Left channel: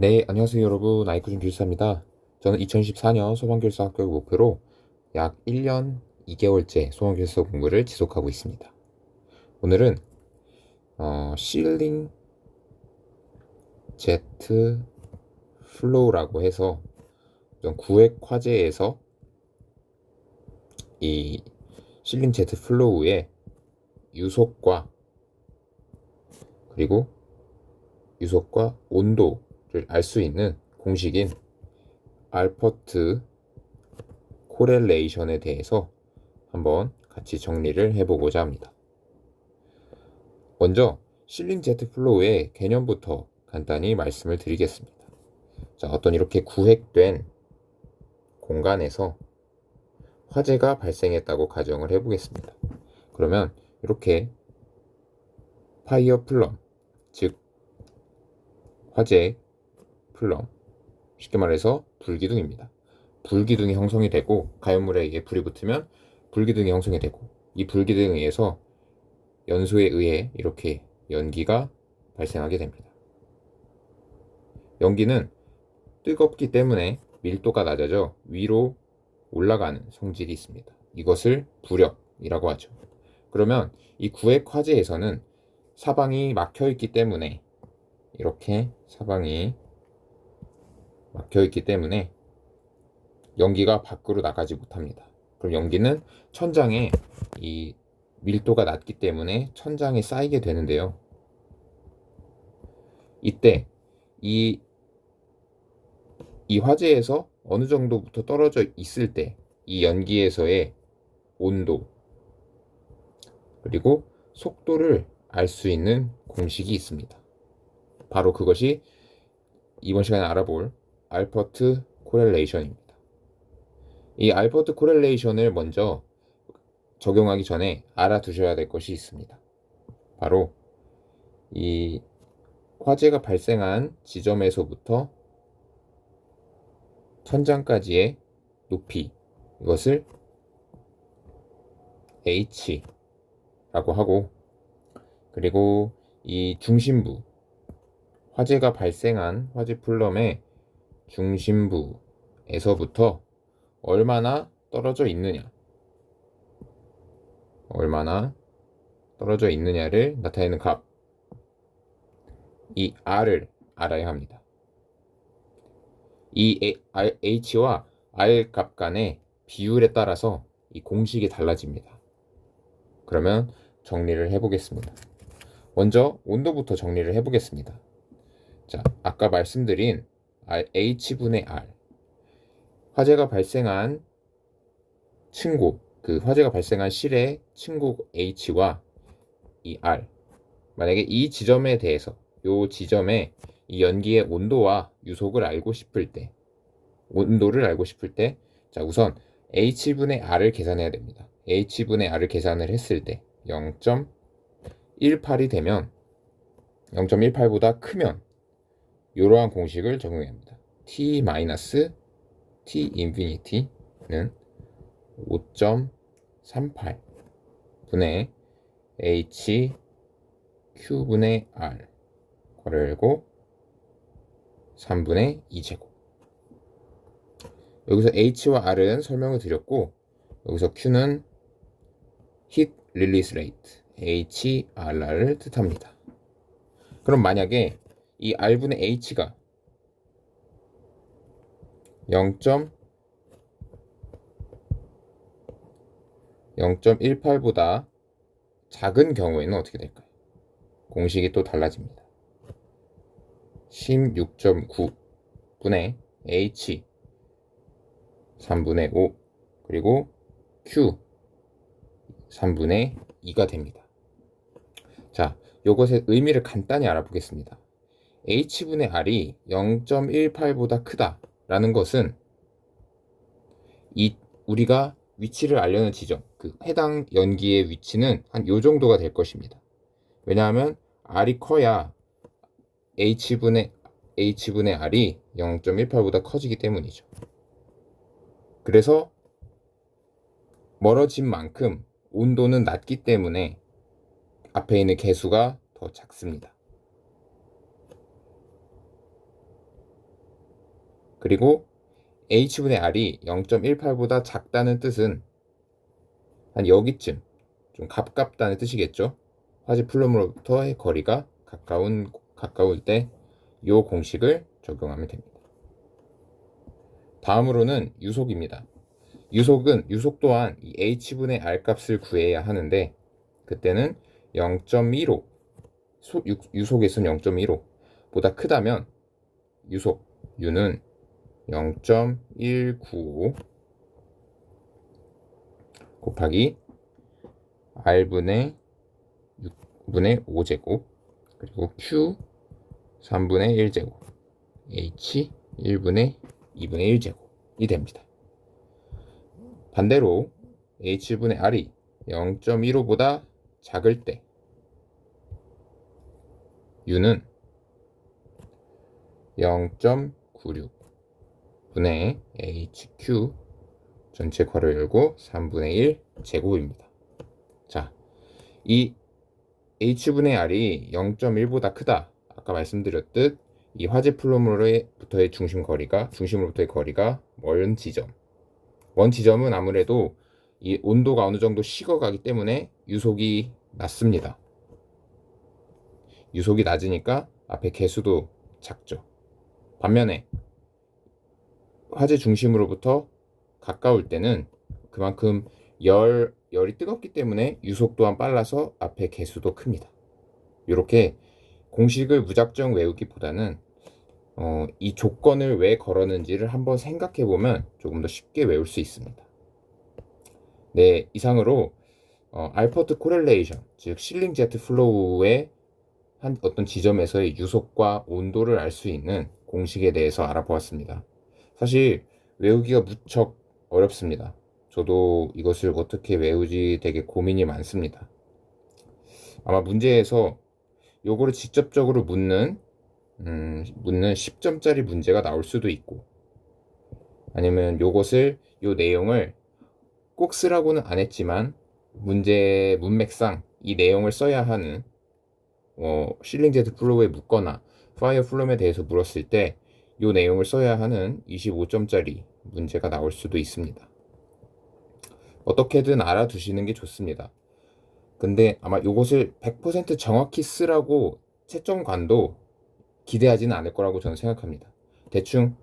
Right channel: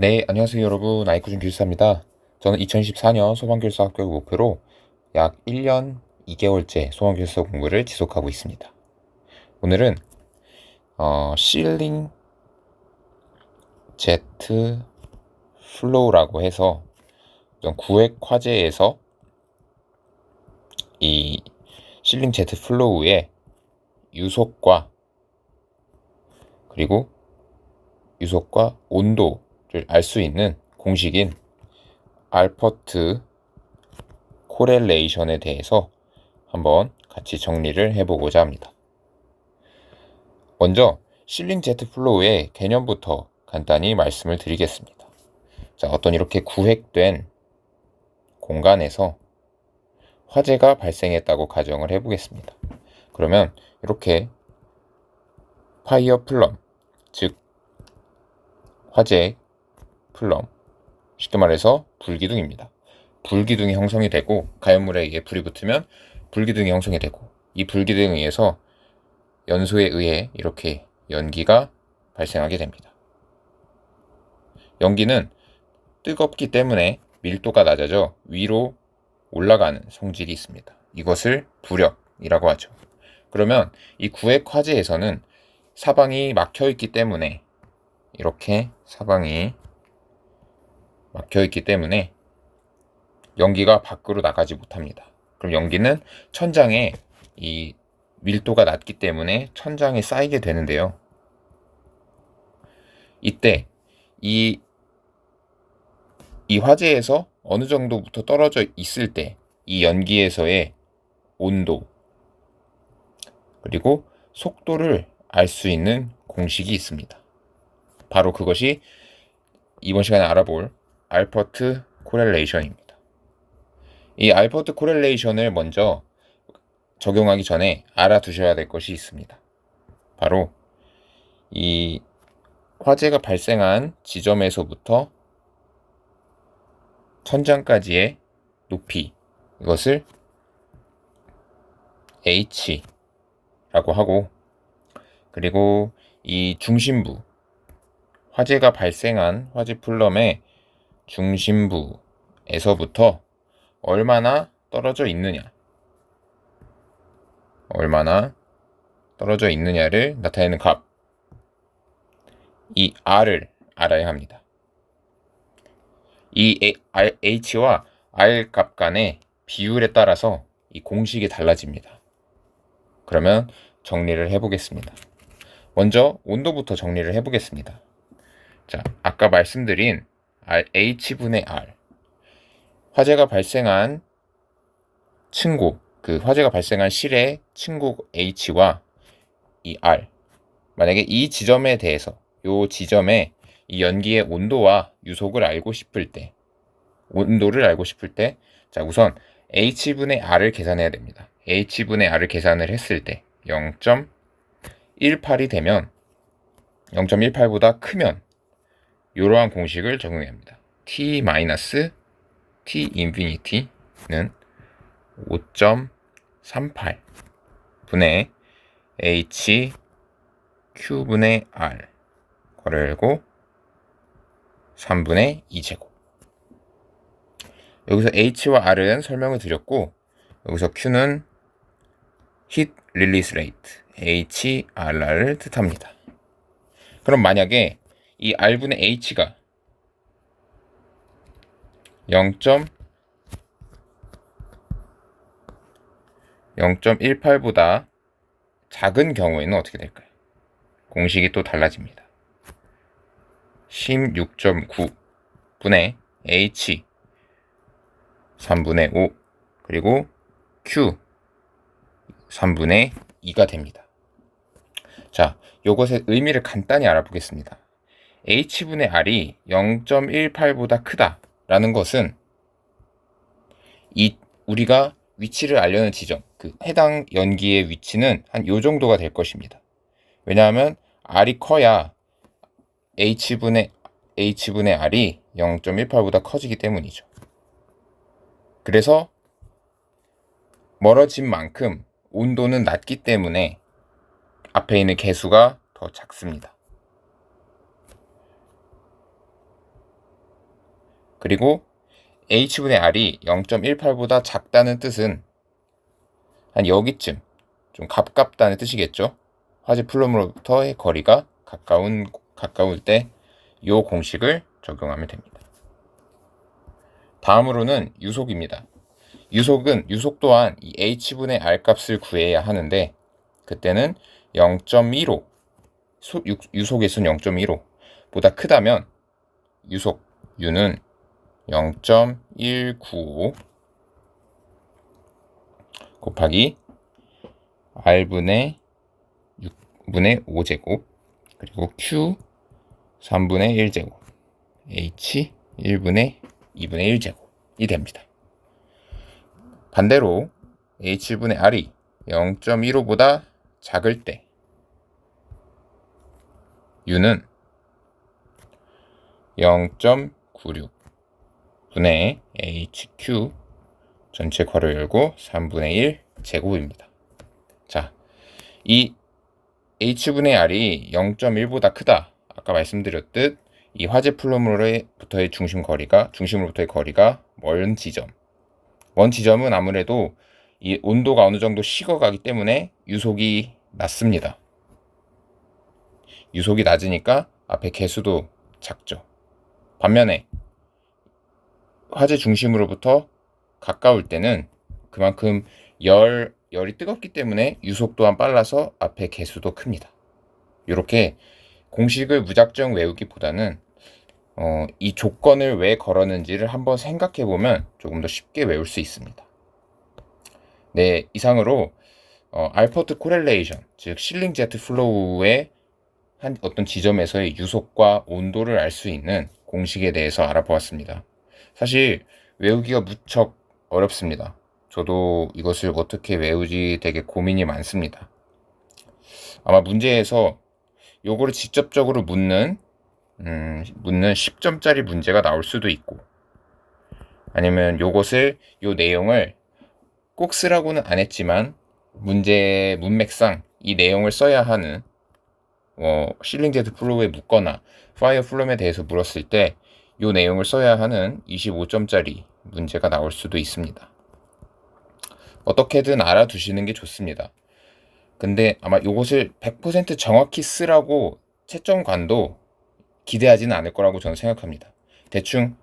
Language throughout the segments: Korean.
네, 안녕하세요 여러분. 아이쿠준 교사입니다. 저는 2014년 소방교사 합격을 목표로 약 1년 2개월째 소방교사 공부를 지속하고 있습니다. 오늘은 실링 제트 플로우라고 해서 구획 화재에서 이 실링 제트 플로우의 유속과 그리고 유속과 온도를 알 수 있는 공식인 알퍼트 코렐레이션에 대해서 한번 같이 정리를 해보고자 합니다. 먼저 실링 제트 플로우의 개념부터 간단히 말씀을 드리겠습니다. 자, 어떤 이렇게 구획된 공간에서 화재가 발생했다고 가정을 해보겠습니다. 그러면 이렇게 파이어 플럼, 즉 화재 플럼, 쉽게 말해서 불기둥입니다. 불기둥이 형성이 되고 가연물에 의해 불이 붙으면 불기둥이 형성이 되고 이 불기둥에 의해서 연소에 의해 이렇게 연기가 발생하게 됩니다. 연기는 뜨겁기 때문에 밀도가 낮아져 위로 올라가는 성질이 있습니다. 이것을 부력이라고 하죠. 그러면 이 구획 화재에서는 사방이 막혀 있기 때문에 이렇게 사방이 막혀 있기 때문에 연기가 밖으로 나가지 못합니다. 그럼 연기는 천장에 이 밀도가 낮기 때문에 천장에 쌓이게 되는데요. 이때 이 화재에서 어느 정도부터 떨어져 있을 때 이 연기에서의 온도 그리고 속도를 알 수 있는 공식이 있습니다. 바로 그것이 이번 시간에 알아볼 알퍼트 코렐레이션입니다. 이 알퍼트 코렐레이션을 먼저 적용하기 전에 알아두셔야 될 것이 있습니다. 바로 이 화재가 발생한 지점에서부터 천장까지의 높이, 이것을 H라고 하고, 그리고 이 중심부, 화재가 발생한 화재 플럼의 중심부에서부터 얼마나 떨어져 있느냐를 나타내는 값, 이 R을 알아야 합니다. 이 H와 R 값 간의 비율에 따라서 이 공식이 달라집니다. 그러면 정리를 해보겠습니다. 먼저 온도부터 정리를 해보겠습니다. 자, 아까 말씀드린 H분의 R, 화재가 발생한 층고, 그 화재가 발생한 실의 층고 H와 이 R, 만약에 이 지점에 대해서 이 지점에 이 연기의 온도와 유속을 알고 싶을 때, 자, 우선 H분의 R을 계산해야 됩니다. H분의 R을 계산을 했을 때 0.18이 되면 0.18보다 크면 이러한 공식을 적용해야 합니다. T 인피니티는 5.38 분의 H Q분의 R 괄호 열고 3분의 2제곱. 여기서 H와 R은 설명을 드렸고, 여기서 Q는 Heat Release Rate, HRR을 뜻합니다. 그럼 만약에 이 R분의 H가 0.18보다 작은 경우에는 어떻게 될까요? 공식이 또 달라집니다. 16.9분의 H 3분의 5 그리고 Q 3분의 2가 됩니다. 자, 이것의 의미를 간단히 알아보겠습니다. H분의 R이 0.18보다 크다라는 것은 우리가 위치를 알려는 지점, 그 해당 연기의 위치는 한 요 정도가 될 것입니다. 왜냐하면 R이 커야 H분의 R이 0.18보다 커지기 때문이죠. 그래서 멀어진 만큼 온도는 낮기 때문에 앞에 있는 개수가 더 작습니다. 그리고 h분의 r이 0.18보다 작다는 뜻은 한 여기쯤 좀 가깝다는 뜻이겠죠. 화재 플럼으로부터의 거리가 가까울 때 이 공식을 적용하면 됩니다. 다음으로는 유속입니다. 유속 또한 이 h분의 r 값을 구해야 하는데 그때는 0.15 유속의 수는 0.15보다 크다면 유속 u는 0.195 곱하기 r분의 6분의 5제곱 그리고 q 3분의 1제곱 h 1분의 2분의 1제곱이 됩니다. 반대로 h분의 r이 0.15보다 작을 때 u는 0.96 분의 hq 전체 괄호 열고 3분의 1 제곱입니다. 자, 이 h분의 r이 0.1보다 크다. 아까 말씀드렸듯 이 화재 플럼으로부터의 중심으로부터의 거리가 먼 지점은 아무래도 이 온도가 어느 정도 식어가기 때문에 유속이 낮습니다. 유속이 낮으니까 앞에 개수도 작죠. 반면에 화재 중심으로부터 가까울 때는 그만큼 열이 뜨겁기 때문에 유속 또한 빨라서 앞에 개수도 큽니다. 이렇게 공식을 무작정 외우기보다는 이 조건을 왜 걸었는지를 한번 생각해 보면 조금 더 쉽게 외울 수 있습니다. 네, 이상으로 알퍼트 코렐레이션, 즉 실링 제트 플로우의 한 어떤 지점에서의 유속과 온도를 알 수 있는 공식에 대해서 알아보았습니다. 사실 외우기가 무척 어렵습니다. 저도 이것을 어떻게 외우지 되게 고민이 많습니다. 아마 문제에서 요거를 직접적으로 묻는 10점짜리 문제가 나올 수도 있고 아니면 요 내용을 꼭 쓰라고는 안 했지만 문제 문맥상 이 내용을 써야 하는 실링 제트 플로우에 묻거나 파이어 플럼에 대해서 물었을 때 요 내용을 써야 하는 25점짜리 문제가 나올 수도 있습니다. 어떻게든 알아두시는 게 좋습니다. 근데 아마 요것을 100% 정확히 쓰라고 채점관도 기대하지는 않을 거라고 저는 생각합니다. 대충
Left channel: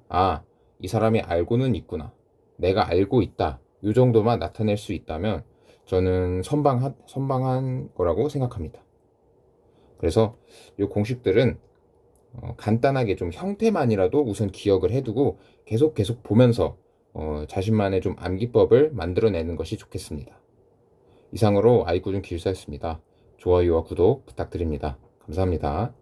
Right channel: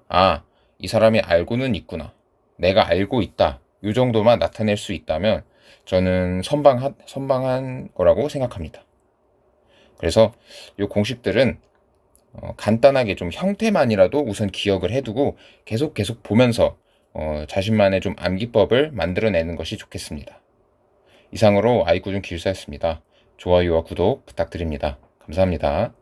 이 사람이 알고는 있구나, 내가 알고 있다, 요 정도만 나타낼 수 있다면 저는 선방한 거라고 생각합니다. 그래서 요 공식들은 간단하게 좀 형태만이라도 우선 기억을 해두고 계속 보면서 자신만의 좀 암기법을 만들어내는 것이 좋겠습니다. 이상으로 아이구준 기술사였습니다. 좋아요와 구독 부탁드립니다. 감사합니다.